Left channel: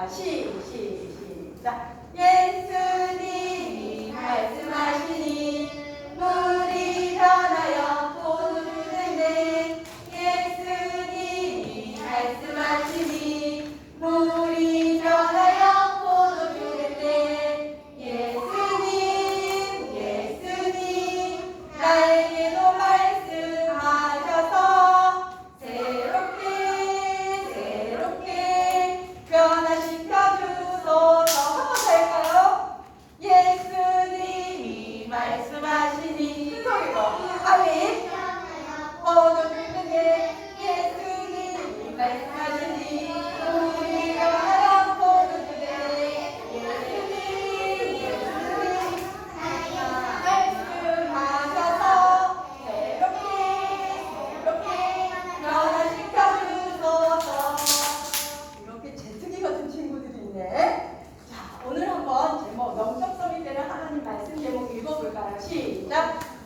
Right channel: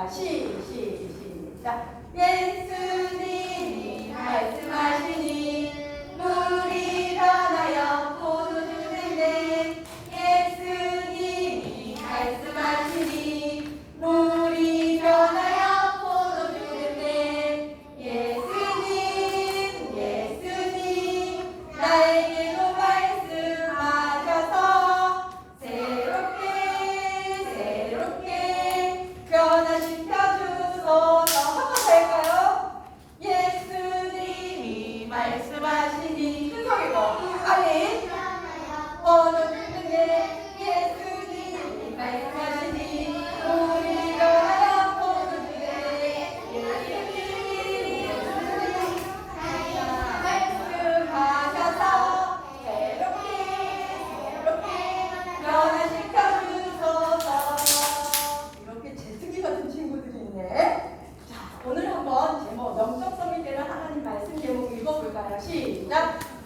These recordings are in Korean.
자, 시, 시, 시작.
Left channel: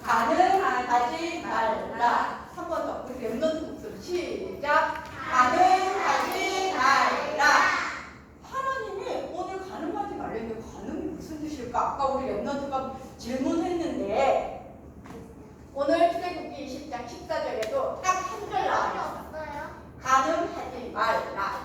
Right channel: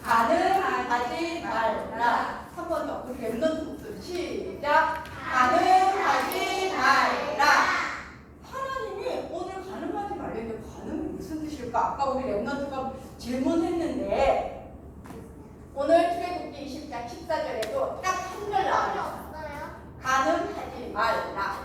가능하지 말라. 한 번 더. 우리 랩런트 목소리 시작. 가능하지 말라. 하나님이 오늘 가능하지 말라는데 가능이 무슨 뜻일까? 아까 우리 랩런트가 질문했는데 오늘 출애굽기 20장 14절에도 딱 한 절 나와요. 가능하지 말라.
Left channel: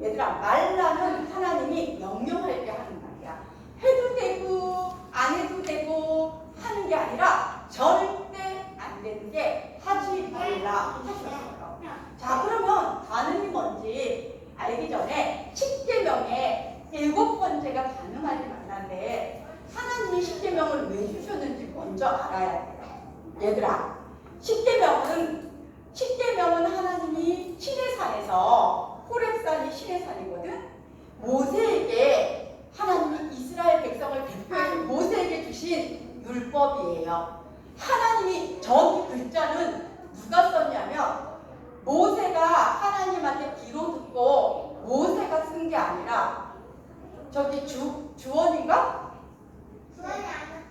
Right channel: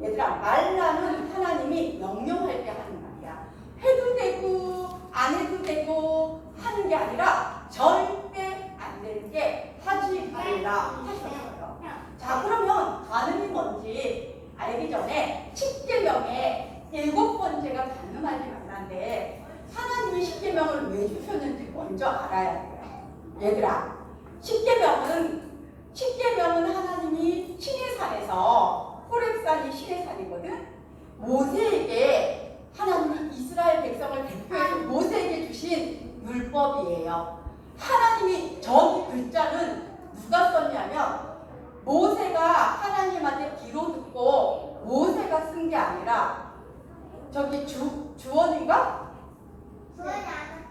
얘들아, 말라는 하나님이 명령할 때 하는 말이야. 해도 되고, 안 해도 되고, 하는 게 아니라 절대 안 되는 게 하지 말라 하셨어요. 자, 그러면 가능이 뭔지 알기 전에 10계명에 일곱 번째가 가능하지 말라인데 하나님이 10계명을 왜 주셨는지 먼저 알아야 돼요. 얘들아, 10계명은 10계명은 하나님이 시내산에서 호렙산이 시내산이거든. 모세에게 하나님이 이스라엘 백성을 대표해서 모세에게 주신 율법이에요. 하나님이 저기 글자는 누가 썼냐면 모세가 하나님한테 비로 듣고 모세가 쓴 게 아니라 저기 주 주원이가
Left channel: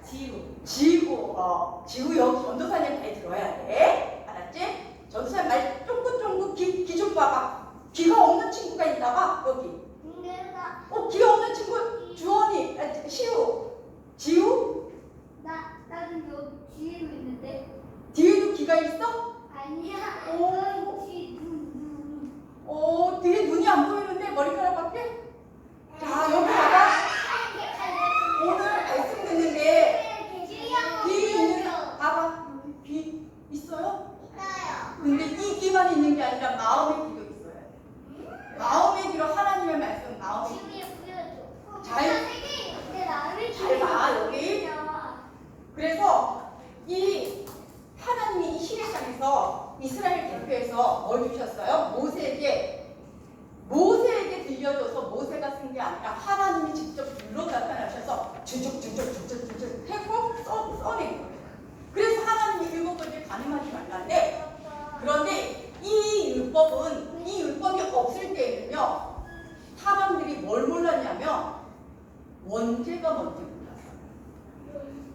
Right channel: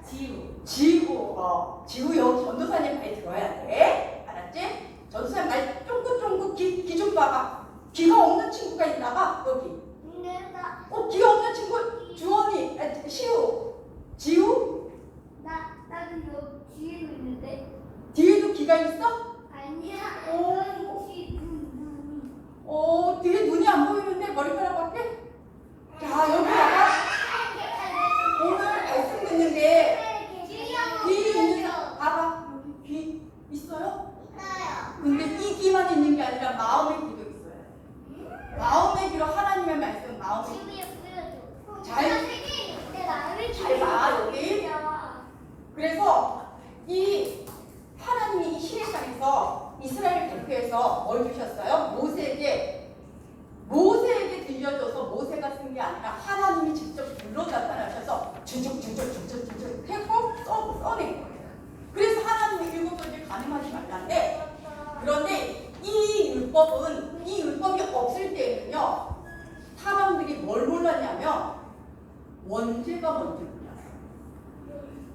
지우 지우 어 지우 여기 전도사님 말 들어야 돼 알았지? 전도사님 말 쫑긋쫑긋 귀, 귀좀 봐봐 귀가 없는 친구가 있나 봐 여기 어 귀가 없는 친구 주원이 아, 시우 지우 나는 여 뒤에도 있는데 뒤에도 귀가 있어? 아니야 오. 여기 눈 눈이 어 뒤에 눈이 안 보이는데 머리카락밖에? 자 여기 봐봐 오늘 말씀 듣는데 귀 있는 사 봐봐 여기 귀 있어요? 근데 이 귀만 있는 게 아니라 마음의 귀도 있어요 마음의 귀로 하나님의 말씀 마음의 귀 잘- 잘 봐, 여기. 그래서 이 하나님이 이 시내산에서 이스라엘 대표해서 뭘 주셨어요? 모세에게 모세에게 들려줘서 모세가 쓴 게 아니라 하나님이 직접 불러 나타나셔서 주죽주죽주죽주죽 해고 써, 써낸 거예요. 그래서 하나님이 일곱 번째 가능하지 말라는데 그런데 이 율법은 이 율법이 없을 때에는요 사람들이 뭘 몰랐냐면 원죄가 먼저 몰랐어요.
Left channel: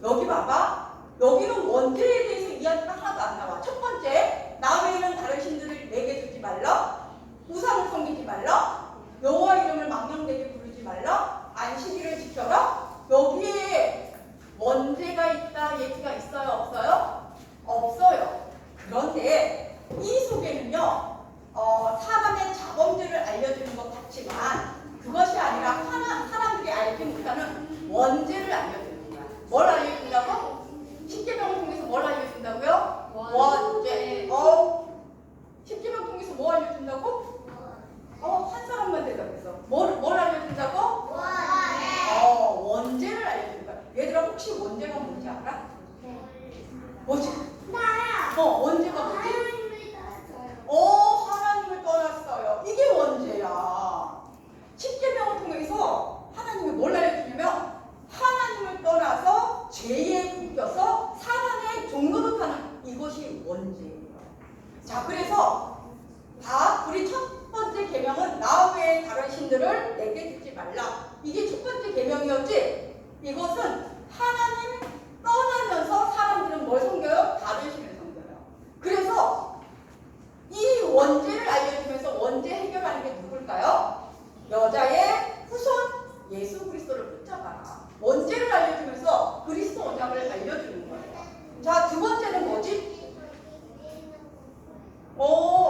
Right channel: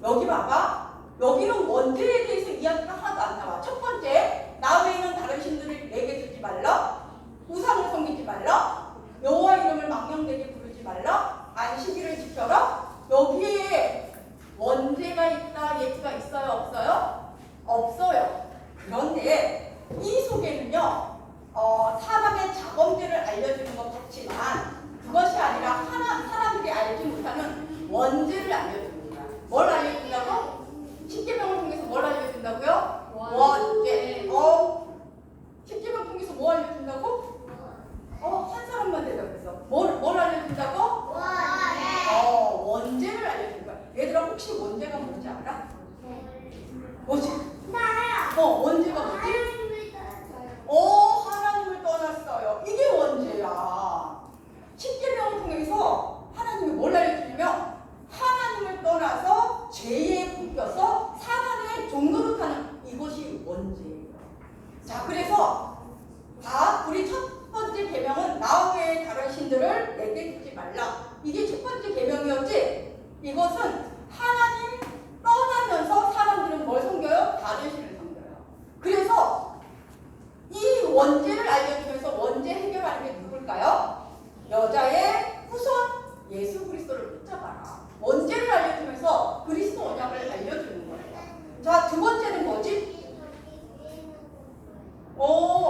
여기 봐봐. 여기는 원죄에 대해서 이야기가 하나도 안 나와. 첫 번째, 나 외에는 다른 신들을 내게 두지 말라. 우상을 섬기지 말라. 여호와 이름을 망령되게 부르지 말라. 안식일을 지켜라. 여기에 원죄가 있다 얘기가 있어요, 없어요? 없어요. 그런데 이 속에는요, 어, 사람의 자범죄를 알려주는 것 같지만 그것이 아니라 하나, 사람들이 알지 못하는 원죄를 알려주는 거야. 뭘 알려준다고? 십계명을 통해서 뭘 알려준다고요? 원죄. 어, 십계명 통해서 뭐 알려준다고? 어, 한 사람만 대답했어. 뭘, 뭘 알려준다고? 어, 원죄를 알려준다. 얘들아 혹시 원죄가 뭔지 알아? 뭐지? 어, 원죄가 뭐지? 어, 하나님을 떠났어요. 이게 원죄야. 십계명을 통해서 하나님이 뭘 알려주냐면 하나님을 떠나서 죄에 묶여서 사단의 종노릇하는 이것이 원죄예요. 자, 그래서 다 우리 첫 번째 계명은 나 외에 다른 신들을 내게 두지 말라. 이게 첫 번째 계명이었지. 이것은 하나님 떠나면서 사람들은 뭘 섬겨요? 바벨식을 섬겨요. 그래서 이 원죄를 알려주면서 원죄 해결하는 게 누굴까요? 여자의 후손 예수 그리스도를 붙잡아라. 원죄를 알려주면서 그리스도 언약을 알려주는 거예요. 자, 두 번째는 뭐지? 오,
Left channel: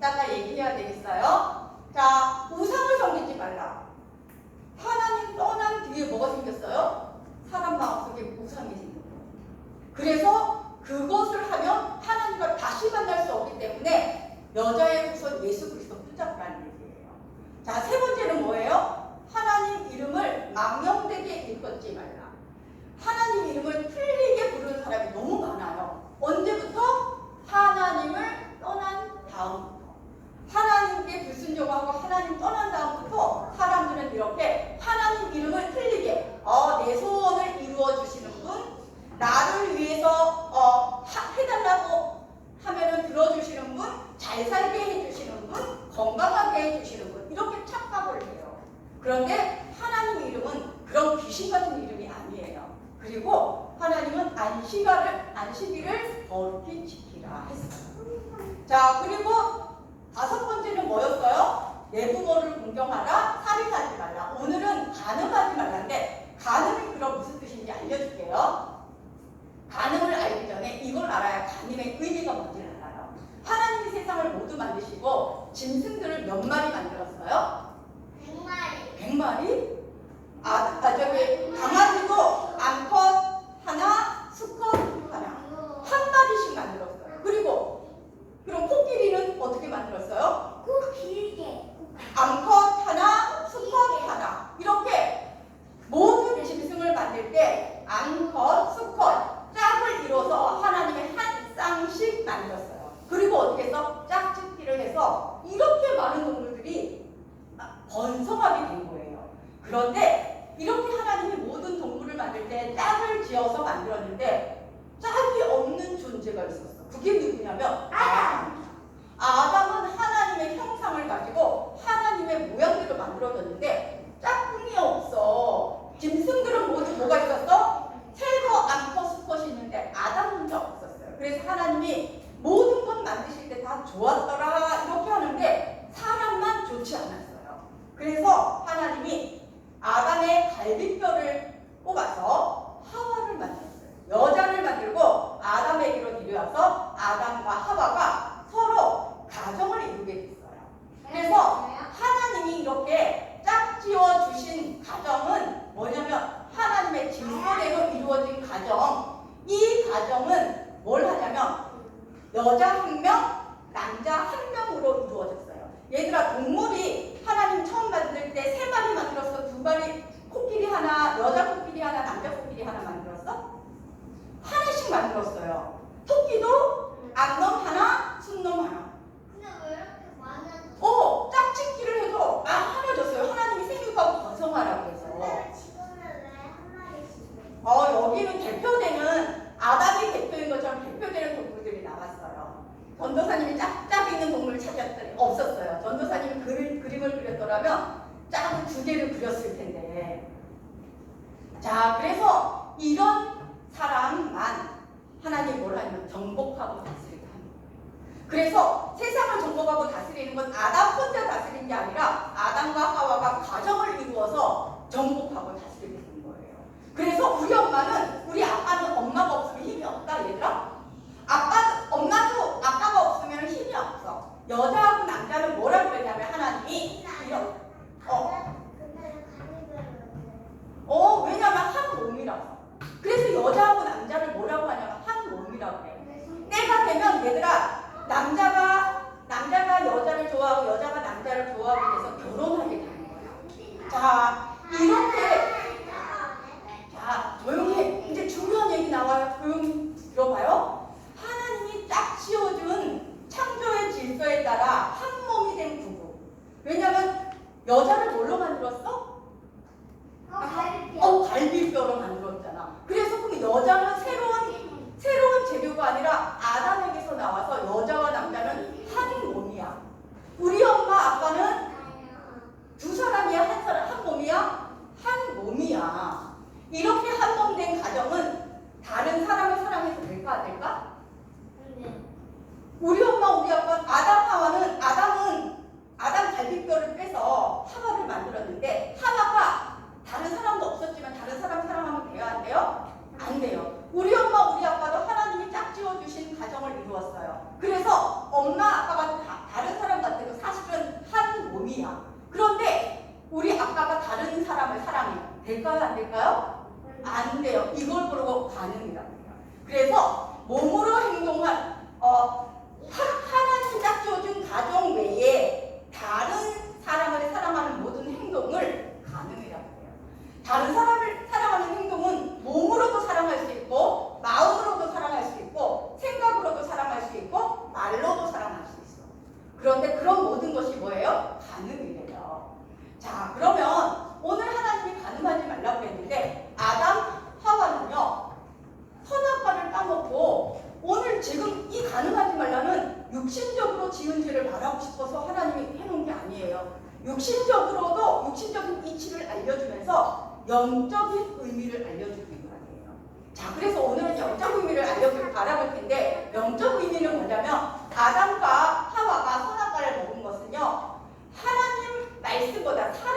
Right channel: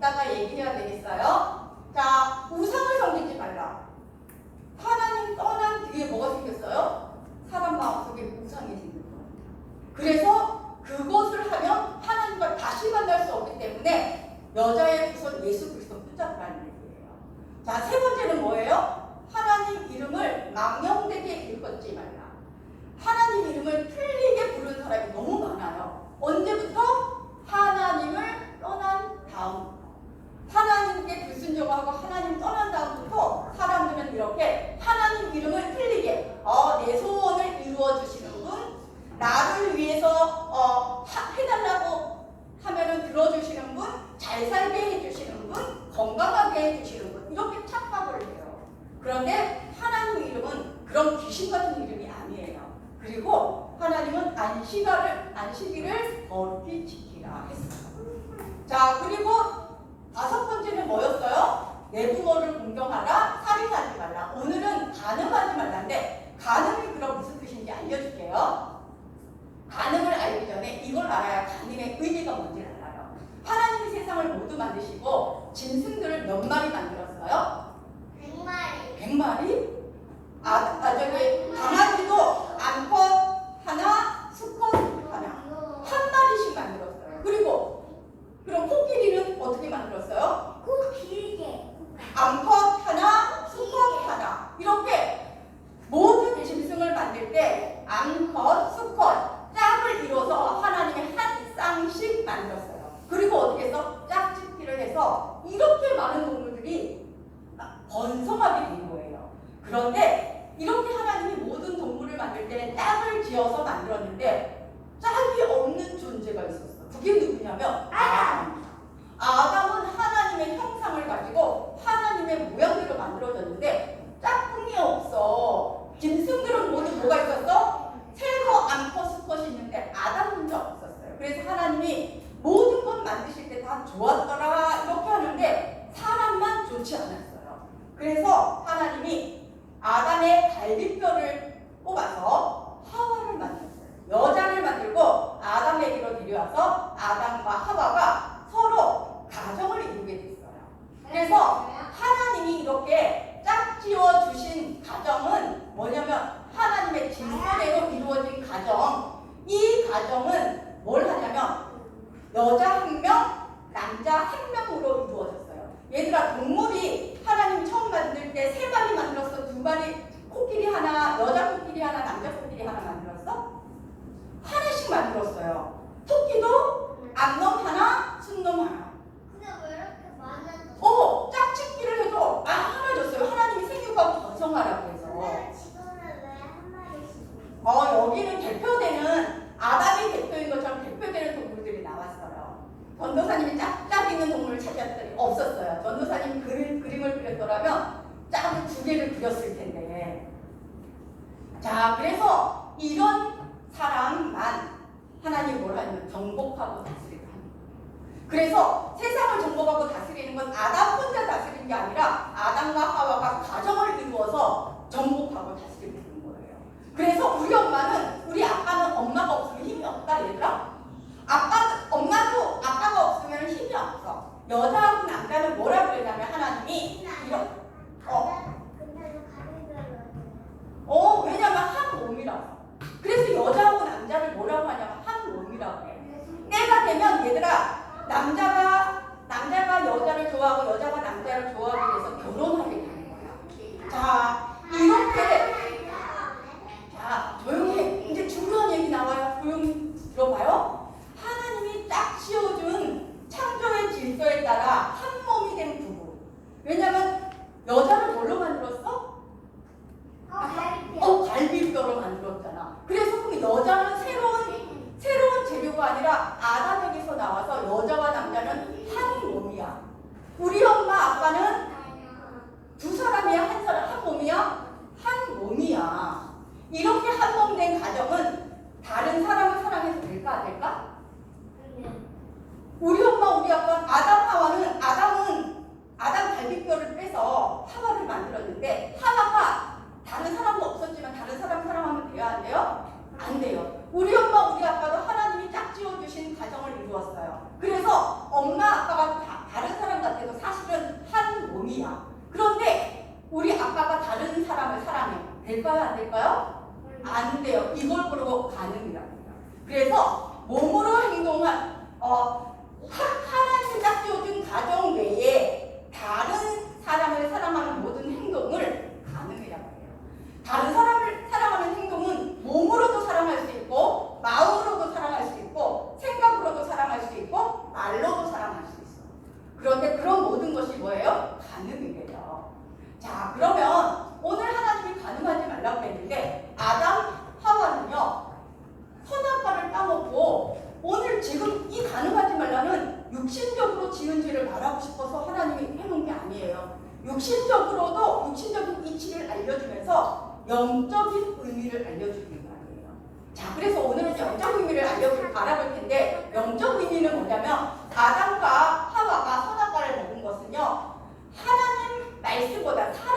이따가 얘기해야 되겠어요. 자, 우상을 섬기지 말라. 하나님 떠난 뒤에 뭐가 생겼어요? 사람 마음속에 우상이 생긴 거예요. 그래서 그것을 하면 하나님과 다시 만날 수 없기 때문에 여자의 후손 예수 그리스도 붙잡라는 얘기예요. 자, 세 번째는 뭐예요? 하나님 이름을 망령되게 읽었지 말라. 하나님 이름을 틀리게 부르는 사람이 너무 많아요. 언제부터? 하나님을 떠난 다음부터. 하나님께 불순종하고 하나님 떠난 다음부터 사람들은 이렇게 하나님 이름을 틀리게 어, 내 소원을 이루어 주시는 분, 나를 위해서 어, 하- 해달라고 하면은 들어주시는 분, 잘 살게 해주시는 분, 건강하게 해주시는 분 이렇게 착각을 해요. 그런데 하나님 이름은 그런 귀신 같은 이름이 아니에요. 그리고 하나님은 안식일을 안식일을 거룩히 지키라 했어요. 자 그리고 다섯 번째는 뭐였어요? 내 부모를 공경하라, 살인하지 말라. 오늘은 간음하지 말라인데 간음이 그럼 무슨 뜻인지 알려줄게요. 간음을 알기 전에 이걸 알아야 간음의 의미가 뭔지 알아요. 하나님이 세상을 모두 만드시고 짐승들을 몇 마리 만들었어요? 백 마리? 아, 아 저기 강아지도 암컷 하나, 수컷 하나, 한 마리씩 만들었어요. 그리고 그럼 코끼리는 어떻게 만들었어요? 꼭 길게. 암컷 하나, 수컷 하나 이렇게 모든 짐승을 만들 때 암컷, 수컷 짝을 이뤄서 하나님이 한 쌍씩 만들었어요. 그리고 어떻게 해서 짝짓기를 해서 이렇게 많은 동물들이 번성하게 된 거예요. 그런데 이렇게 하나님이 모든 동물을 만들 때 짝을 지어서 만들었는데 짝이 없는 존재가 있었어. 그게 누구냐면 아담. 아담은 하나님의 형상을 가지고 하나님의 모양대로 만들어졌는데 짝꿍이 없어. 짐승들은 모두 뭐가 있었어? 새거, 암컷, 수컷이 있는데 아담 혼자 없었어요. 그래서 하나님이 모든 것 만드실 때 다 좋았더라 이렇게 하는데 사람만 좋지 않았어요. 그래서 하나님이 아담의 갈비뼈를 뽑아서 하와를 만들었어요. 여자를 만들고 아담에게로 데려와서 아담과 하와가 서로 가정을 이루게 됐어요. 그래서 하나님이 이렇게 짝지어 주신 가정은 뭐냐면 하나님의 질서대로 이루어진 가정. 이 가정은 뭘 하냐면 여자 한 명, 남자 한 명으로 이루어졌어요. 얘들아 동물이 하나님 처음 만들 때 세 마리 마리 코끼리 하나, 여자 코끼리 하나, 남자 코끼리 하나 만들었어? 하나씩 만들었어요. 토끼도 암놈 하나, 순놈 하나. 근데 왜 이렇게 많은? 어, 짝짓기를 해도 아 하나 줬어요. 하나님이 생육하고 번성하라고 해서. 근데 지금은 왜 한 마리씩? 어, 여기는 대표되는 아담이 대표인 것처럼 대표되는 동물들이 나왔어요. 전도사님이 짝짝 있는 동물 찾았더니 없었어요. 전도사님 그림, 그림을 그렸더라면 짝을 두 개를 그렸을 텐데. 자, 그래서 이런 사람만 하나님 뭘 하냐면 정복하고 다스리게 하는 거예요. 그래서 세상을 정복하고 다스리는 건 아담 혼자 다스리는 게 아니라 아담과 하와가 가정을 이루어서 정복하고 다스리게 되는 거예요. 그래서 우리 엄마는 우리 아빠는 엄마가 없으면 힘이 없다 얘들아. 아빠 엄마도 아빠가 없으면 힘이 없어. 여자하고 남자는 뭐라고 그랬냐면 하나님이 어. 어 왜냐면 한 몸이라서. 그래서 여자하고 남자를 뭐라고 하냐면 한 몸이라고 해. 때가 되면 얘들아 남자가 남자가 여자를 좋아하고 여자가 남자를 좋아하게 돼서 결혼하게 되는 거야. 자 이렇게 무조건 아담 하와는 아담은 아담 갈비뼈를 빼서 하와를 만들었는데 하와가 다른 사람도 없었지만 다른 사람 사랑하면 돼야 안 돼요? 안 돼요. 우리 엄마 우리 아빠도 하나님이 짝지어 주신 가정을 이루었어요. 그래서 엄마 아빠가 다, 다른 사람 같아도 사실은 한 몸이야. 그런데 우리 아빠가 다른 사람을 사랑해 될까요? 안 될까요? 안 돼요. 이걸 부르고 가능이라고 해요. 그래서 몸으로 행동한 어, 가정 외에 다른 사람을 사랑하는 모든 행동을 가능이라고 해요. 다른 사람 Itu 的他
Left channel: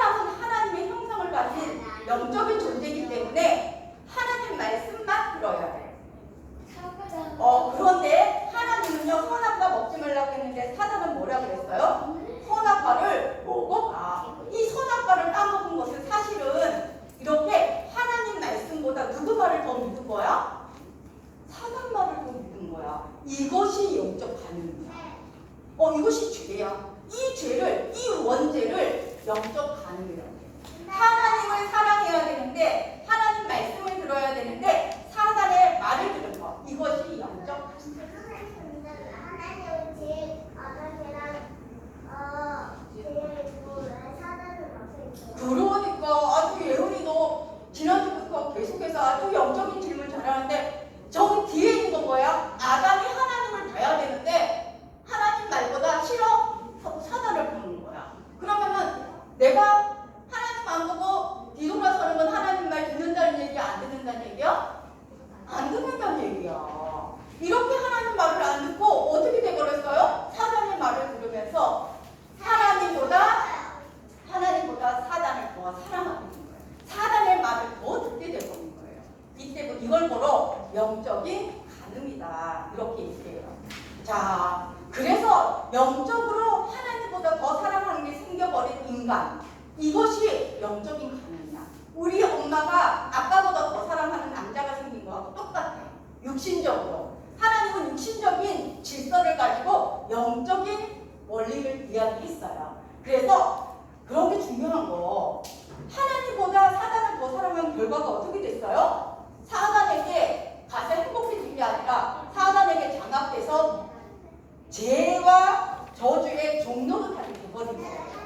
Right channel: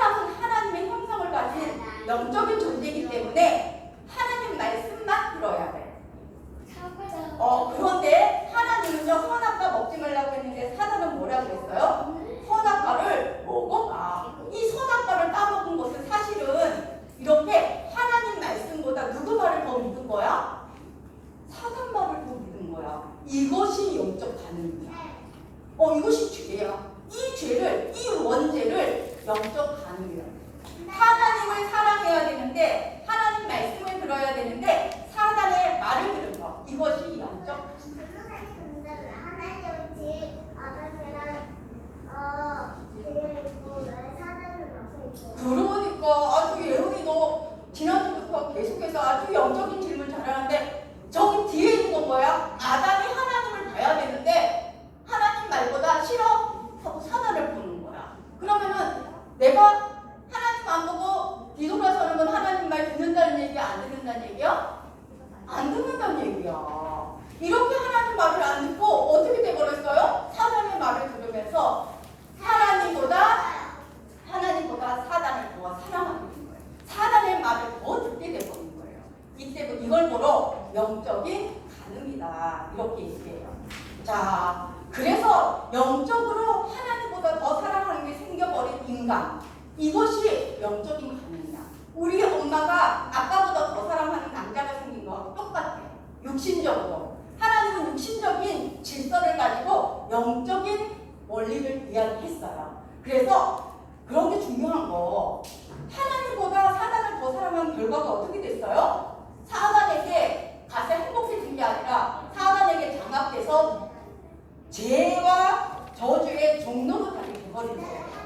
자, 그래서 영적으로 하나님보다 더 사랑하는 게 생겨버린 인간. 이것이 죄와 저주의 종로로 다시 돼버린 거예요.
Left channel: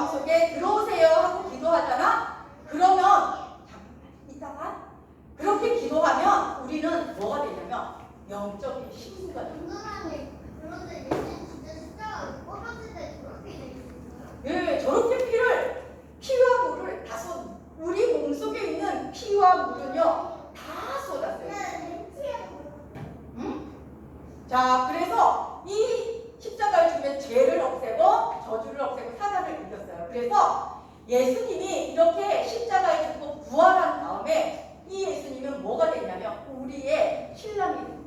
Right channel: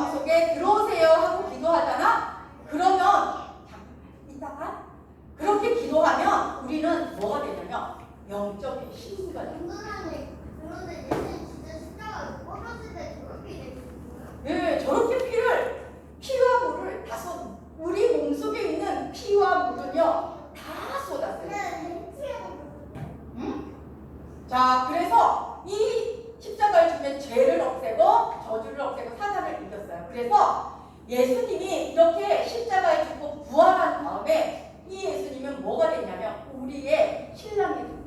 마음속에 들어오세요 하고 기도하잖아? 그러면 이따가 그렇게 기도하면 우리는 뭐가 되냐면 영적인 힘이 들어가죠. 응, 저렇게 피를 피와 물을 다 쏟. 우리 몸 속에 있는 피와 물은요 다 쏟았어요. 응? 자, 그래서 이 십자가를 주면 죄를 없애고 저주를 없애고 사단을 이겼어요. 그래서 예수님이 이렇게 십자가에 죽고 부활한 다음에 이 예수님은 뭐가 되냐면 우리의 신랑이 된 거예요.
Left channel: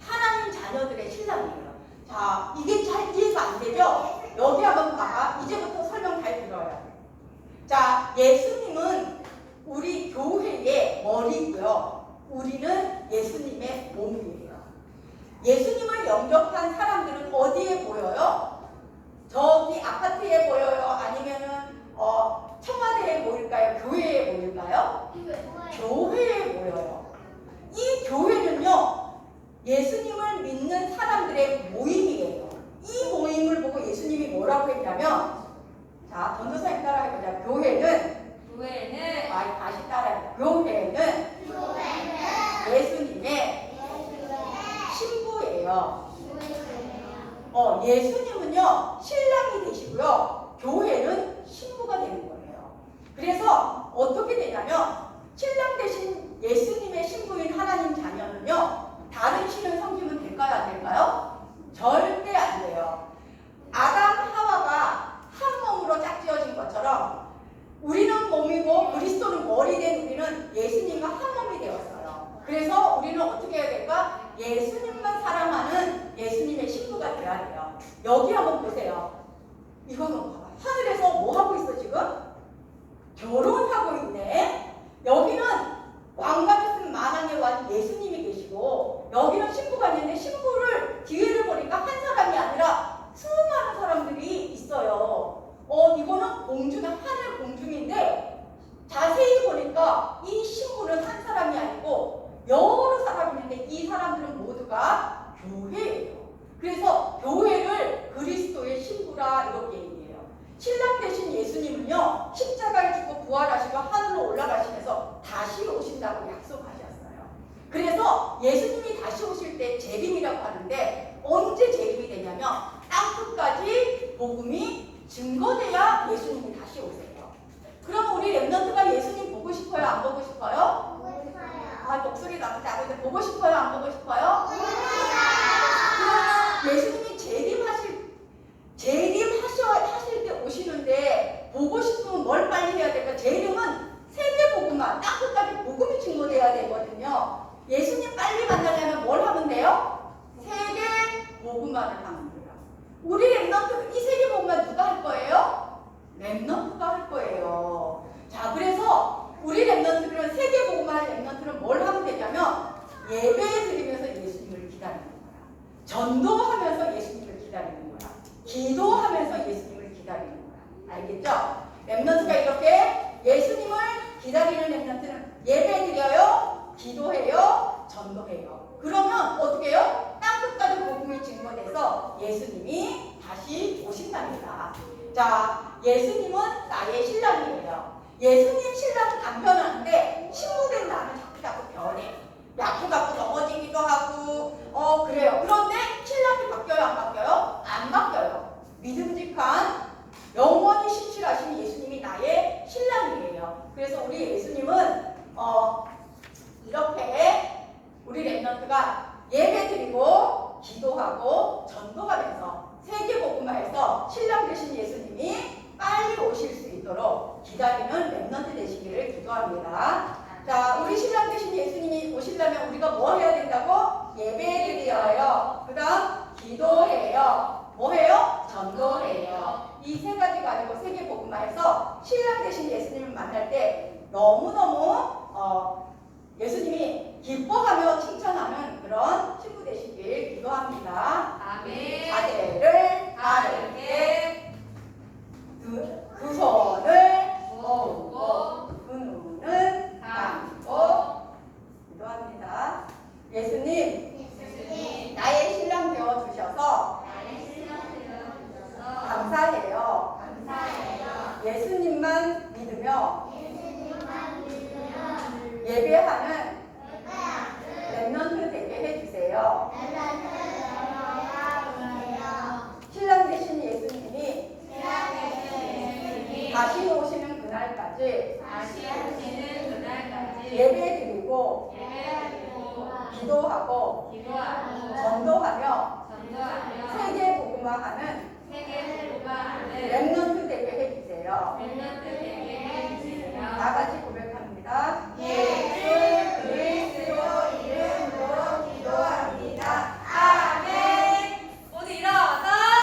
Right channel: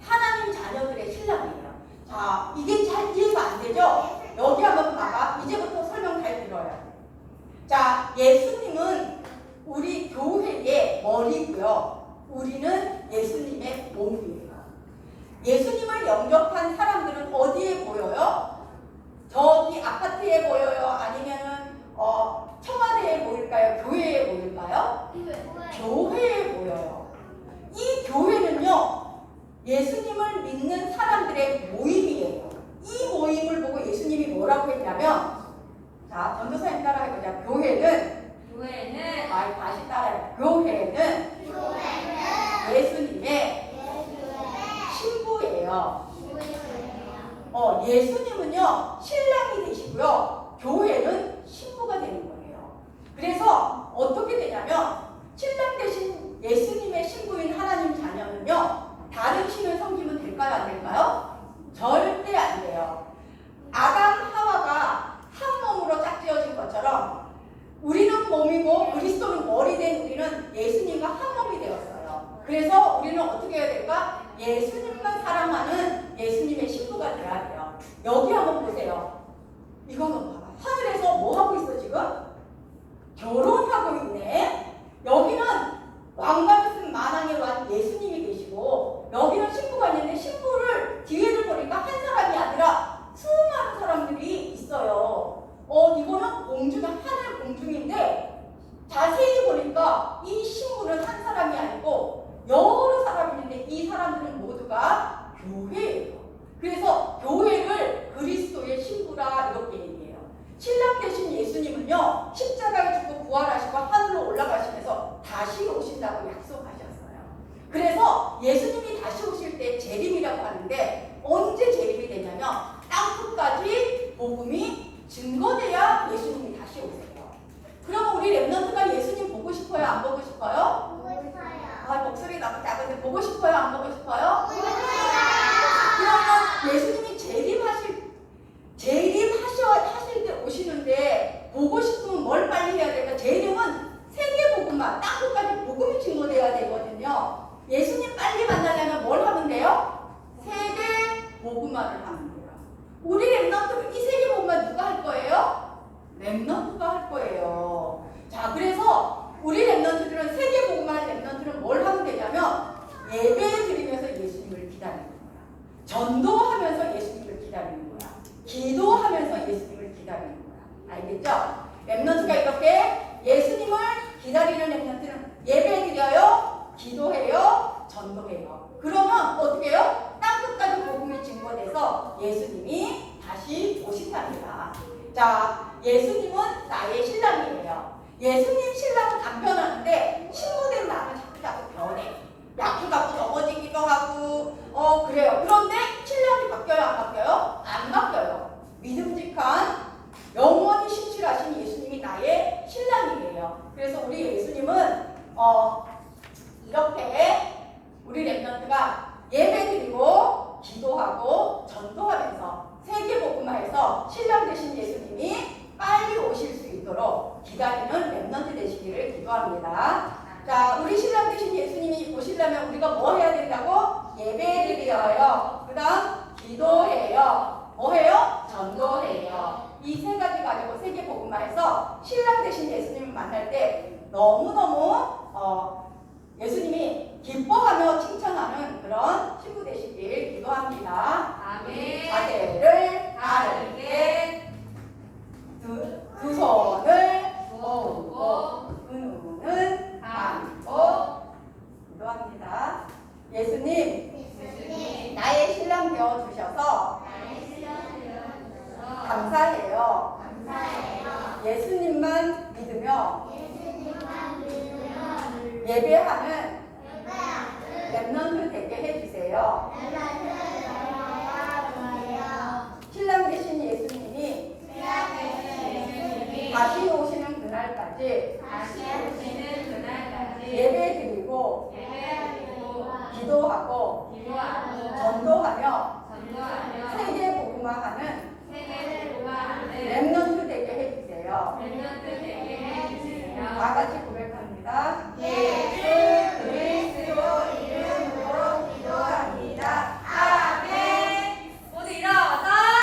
하나님 자녀들의 신랑이에요. 자, 이게 잘 이해가 안 되죠? 여기 한번 봐봐. 이제부터 설명 잘 들어야 돼. 자, 예수님은 우리 교회의 머리고요. 우리는 예수님의 몸이에요. 예수님을 영접한 사람들은 어디에 보여요? 저기 아파트에 보여요? 아니면은 어, 청와대에 보일까요? 교회에 보일까요? 교회에 보여요. 이 교회는요, 예수님을 믿는 사람들의 모임이에요. 이 모임을 보고 예수님이 뭐라고 했냐면, 자, 전도사님 따라해보자. 교회는, 교회는 아, 다시 따라해. 교회는 예수님의 신부예요. 어, 예수님은요, 신랑이 되시고요, 교회는 신부가 되는 거예요. 그래서 어떻게 되냐면, 신랑 대신 예수님의 신부인 하나님 자녀는요, 다른 신을 섬기면 될까요? 안 될까요? 절대 안 돼요. 아담, 하와가 한 몸으로 짝지어진 것처럼, 우리는 몸이고 그리스도는 머리 된 우리는 예수님과 한 몸이 되었어요. 그래서 우리는 어떻게 해야 될까? 예수님만 사랑하는 예수님의 신부가 돼야 돼요. 여기 한번 보세요. 이거 한번 봐봐. 하늘에서 뭐 하고 있어 지금? 결혼하고 있네. 여기는 왕관을 쓴 만왕의 왕 예수님이 계시고 여기는 신부가 있는데 신부를 뒤에를 보니까 한 사람이 아니라 수많은 사람들이 있어요. 어 이거는 공주가 하늘 공중인데 자세히 보니까 이 신부는 한 사람이 아니고 여러 사람이 있는데 이 사람들은 모두가 교회예요. 그래서 교회를 그리스도의 신부라 이렇게 얘기해요. 신랑 대신 예수님은요 십자가에 죽고 부활하시고 하늘로 올라가시면서 다시 오신다고 약속하셨어요. 그래서 예수님이 다시 오실 때 재림이라고 하는데 언제 재림이 되냐면 땅끝까지 복음이 증거돼야 예수님이 다시 오세요. 그럼 우리 랩런트가 예수님 보고 싶어요? 안 보고 싶어요? 아 목소리 너무 작은데 보고 싶어요? 안 보고 싶어요? 그러면 예수님이 재림하실 재림하셔 하실 때 오시는데 보고 싶으면 뭘 빨리 해야 될까? 재림은 세계 복음만 땅끝까지 복음이 증거돼야 되거든요. 예수님 빨리 만나려면 뭘 하면 돼요? 세계 복음만을 하면 돼요. 우리 랩런트 이 세계 복음만 누가 할 거예요? 랩런트가 할 거예요. 자, 그래서 우리 랩런트들은 세계 복음만 랩런트는 뭘 하면 되냐면 예배 드리면서 예수님을 기다리는 거야. 전도하면서 예수님을 기다리는 거야. 기도하면서 예수님을 기다리는 거야. 알겠죠? 랩런트가 이렇게 예수님을 기다리는 랩런트는 예배 드려요, 기도해요, 전도해요. 그러면 어떻게 해요? 땅끝까지 복음이 증거돼서 예수님이 다시 오신답니다. 자, 예수님은 나의 신랑이에요. 예수님 신랑은 안 변하는데 신부된 나는 자꾸 자꾸 변해. 약도 갖고 넘어지기도 하고 어 그래요. 그런데 신랑이 바뀌어요 안 바뀌어요? 안 바뀌어요. 믿음직한 영원히 신실하신 예수님이 나의 신랑이에요. 그래서 우리 예수님은 어 이렇게 우리 랩런트가 예배 드리고 기도하고 전도하면서 세계 복음화에서 신랑 되신 예수님이 빨리 오실 수 있도록 기다리는 랩런트 되시기를 기도합니다. 자, 우리 신랑 되신 예수님이 오시려면 우리가 뭐 해야 된다고? 예배 드려요. 그 다음 기도해요. 뭐 해요? 전도해요. 이 세 가지 가지고 세계 복음화에서 신랑 되신 예수님을 만날 때 너무너무 어, 예수님이 기뻐하며 칭찬하는 그런 친구 되시길 기도합니다. 아멘. 자세를 바르게 두, 두 손을 모으고 두 눈은 감고 기도합니다. 예수님 나의 신랑 되어 주셔서 감사해요. 예수님만 믿으며 예배하는 랩런트 되게 해주세요. 신랑 되신 예수님이 다시 오시는 그날까지 예배 드리고 기도하고 전도하며 세계 복음화하는 랩런트 되게 해주세요. 다 같이